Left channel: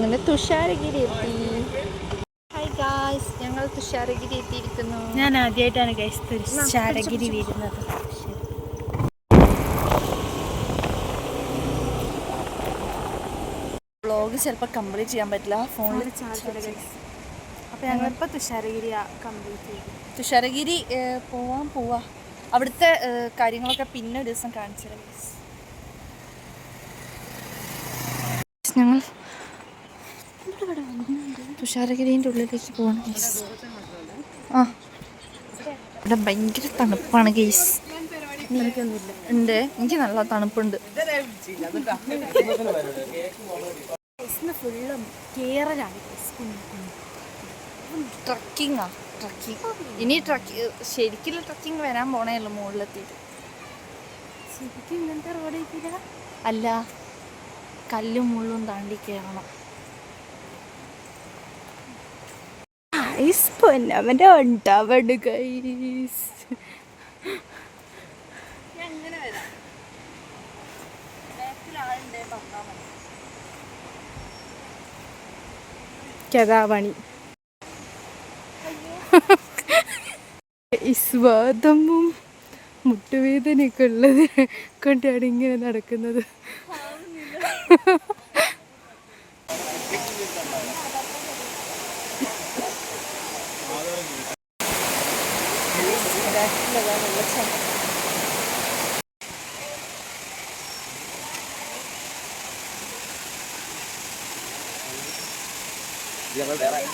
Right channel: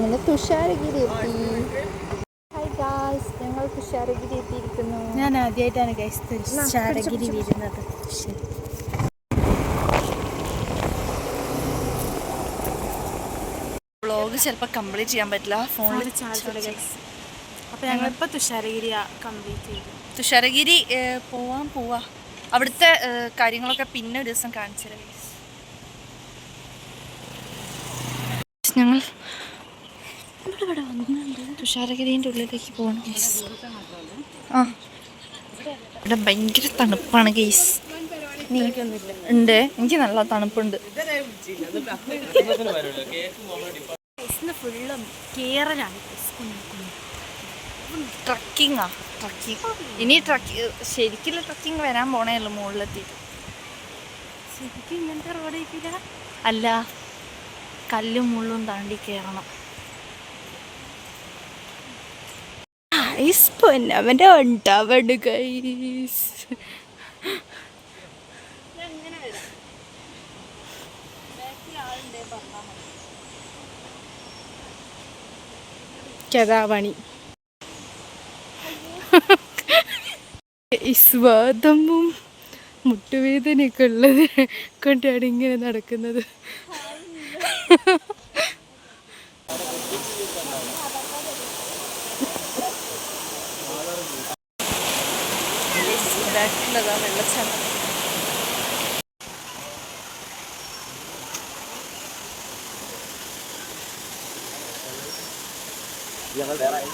അങ്ങനെ തുഷാരഗിരി എത്തി. Hi guys, ഞങ്ങൾ തുഷാരഗിരി എത്തിയിരിക്കുന്നു. ഞാൻ ആദ്യമായിട്ടാണ് ഗൈസ് തുഷാരഗിരി വീഴുന്നത്. വ്ളോഗ് ചിലപ്പോൾ കംപ്ലീറ്റ് ചെയ്യാൻ പറ്റില്ല, ഫോണിൽ ചാർജ് ഗൈസ്. അപ്പോൾ ഞങ്ങളിപ്പോൾ തുഷാരഗിരി കംപ്ലീറ്റ് ചെയ്തു. തുഷാരഗിരി പോവാ. അവിടുത്തെ കാര്യങ്ങളൊക്കെ പിന്നെ ഒരു ദിവസം കാണിച്ചു തരാം ഗൈസ്. ഞങ്ങൾ തുഷാരഗിരിൻ്റെ ഉള്ളിലേക്ക് പോകണം ഗൈസ്. ഇവിടെ ഭയങ്കര തണുപ്പാണ് ഗൈസ്. ഉണ്ട്, എനിക്ക് നല്ല തണുപ്പുണ്ട്. ഫുള്ളും കേരളാണ് ട്രക്കിങ്ങാ. ഇനി ശരിക്കുള്ള ട്രക്കിങ് വരാൻ പോണേയുള്ളൂ മുകളിലെത്തിയിട്ട്. ശരിക്കും ഇങ്ങനത്തെ റോഡ് കിട്ടില്ല, അല്ല കല്ലും മുള്ളും താണ്ടി കയറണം. പൊന്നവൻ്റെ ഉണ്ടാവണ്ട് ഗൈസ്. കഥാപണി സ്വാദമും മുട്ടുവേദനയൊക്കെ ഉള്ളത് കൊണ്ടാണ് ഇങ്ങനെ നടക്കുന്നത്. വെള്ളച്ചാട്ടം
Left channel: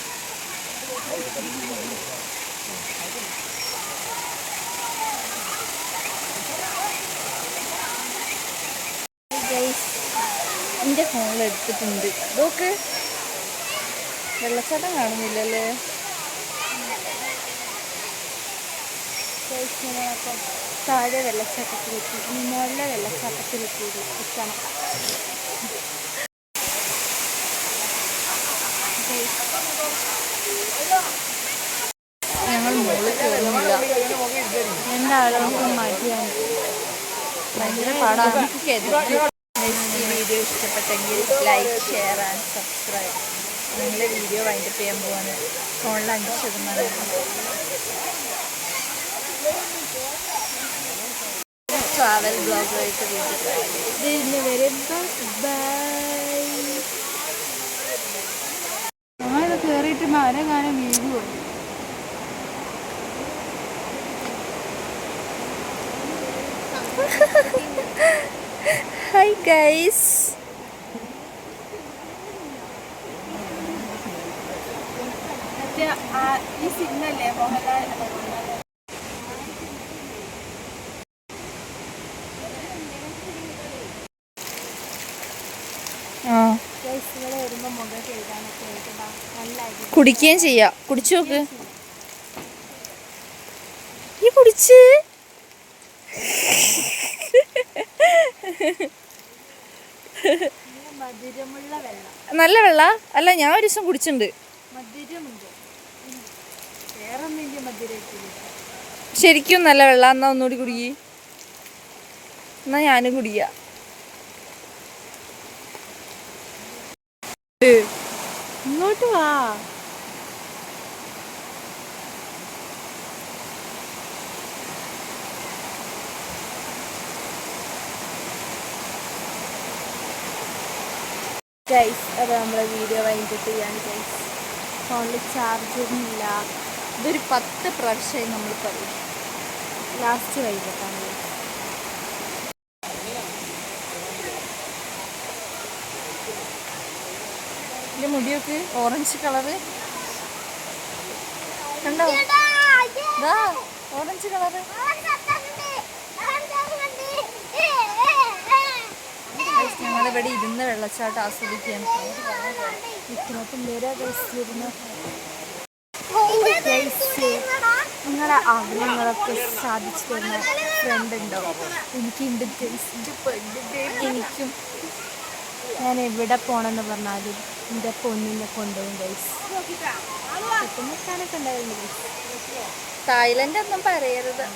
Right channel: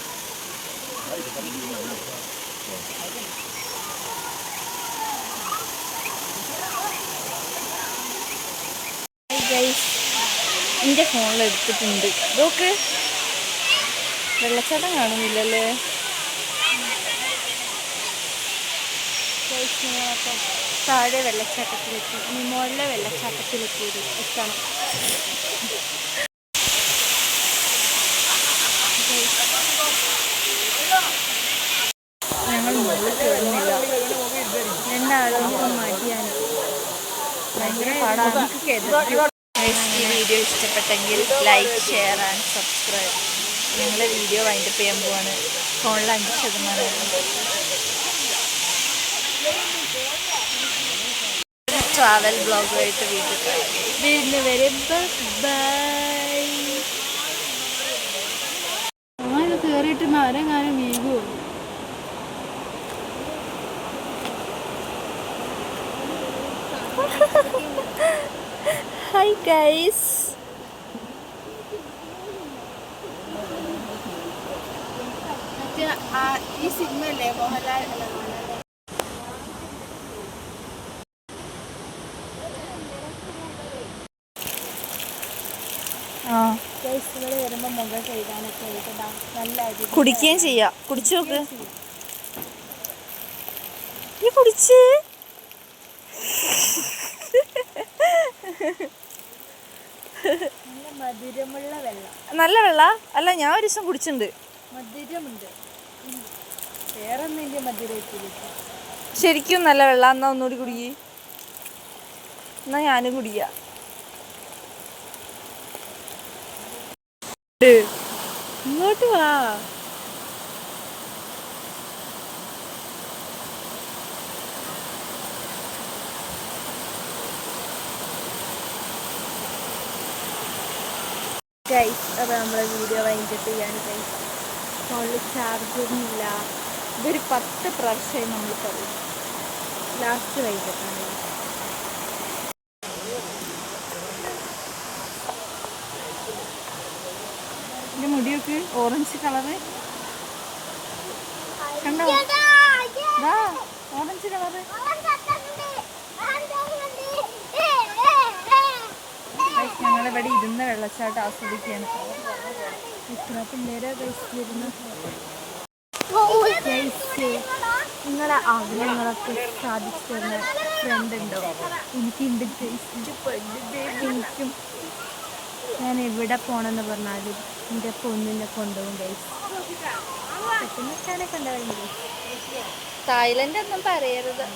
എൻ്റെ ഫോണിൽ എടുത്തിട്ടുണ്ട്. നോക്ക്, വെള്ളച്ചാട്ടം കാണുന്നില്ലല്ലേ. അപ്പം താഴെ വെള്ളച്ചാട്ടത്തിലെത്തി, ഇനി മുകളിലെ വെള്ളച്ചാട്ടത്തിലെത്തിയില്ല എത്തണം. ഞങ്ങൾ മുകളിൽ കയറുന്നില്ല, എന്തായാലും മടിയാണ്, ഭയങ്കര പാടാണ്. വീഡിയോ ഇഷ്ടപ്പെട്ടെങ്കിൽ ലൈക്ക്, ഷെയർ ആൻഡ് സബ്സ്ക്രൈബ്. നിങ്ങളെ വീഡിയോ വൈൻഡപ്പ് ചെയ്യാൻ പോവാണ്. ഫോണിൽ 5% ട്രാവൽ ബ്ലോഗുമായിട്ട് വീട്ടിൽ വരെ ബൈ. ഞങ്ങളിത് കയറിയിട്ട് മരം വീഴുമോ? ഹായ് ഗൈസ്, ഈ സിഗ്നല്ലേ മോഹൻലാൽ കുടിക്കുകയും ചെയ്യാം. കുടിച്ചു നോക്ക്. ഈ കുടിച്ച് മധുരമുള്ള വെള്ളം, നല്ല വെള്ള അല്ല, ഞാൻ ഒരു ദിവസം കുടിച്ചിട്ടുണ്ട്. മധുരമുണ്ട്, വേറൊന്നും മധുരത്തില്ല. ശരിക്കും നല്ല വെള്ളം. എന്നാ ഒന്നുകൂടി കുടിക്ക്. എന്നാ ഞാനും കുടിക്കാം. ഇങ്ങോട്ട് വാ. ഗൈസ്, അപ്പോൾ നമ്മളെ വീഡിയോ വൈൻഡപ്പ് ചെയ്യാണ് ഗൈസ്. ഫോണിൽ ചാർജൊന്നുമില്ല. ഇതൊരു 10 പ്രാവശ്യമായി നമ്മൾ പറയും. ലാസ്റ്റ് വൈകിട്ടാണ്. എൻ്റെ മുടിയൊക്കെ ഓറഞ്ച് കളറ് കണ്ടോ? Orange colour. ഞങ്ങളിവിടെ ഇരുന്ന് വെള്ളച്ചാട്ടം ആസ്വദിക്കുകയാണ്. ഇത്ര പിള്ളേരെ കഴിച്ചിരുന്ന് നിങ്ങളുടെ ആഗ്രഹങ്ങളൊക്കെ സാധിച്ചു തരുന്ന ഫ്രണ്ട് ഉണ്ടോ? എനിക്കുണ്ട് ഗൈസിൻ്റെ ഫ്രണ്ട്. എനിക്കും ഞാൻ എവിടെ പോകണമെന്ന് പറഞ്ഞാലും എൻ്റെ പൊന്നിനെ കൊണ്ടുപോകും ഗൈസ്. പെട്ടെന്ന് കാണാനൊക്കെ ഉണ്ടായിരുന്നു. തായ്ലൻഡ് ഒന്നും പറയരുത്.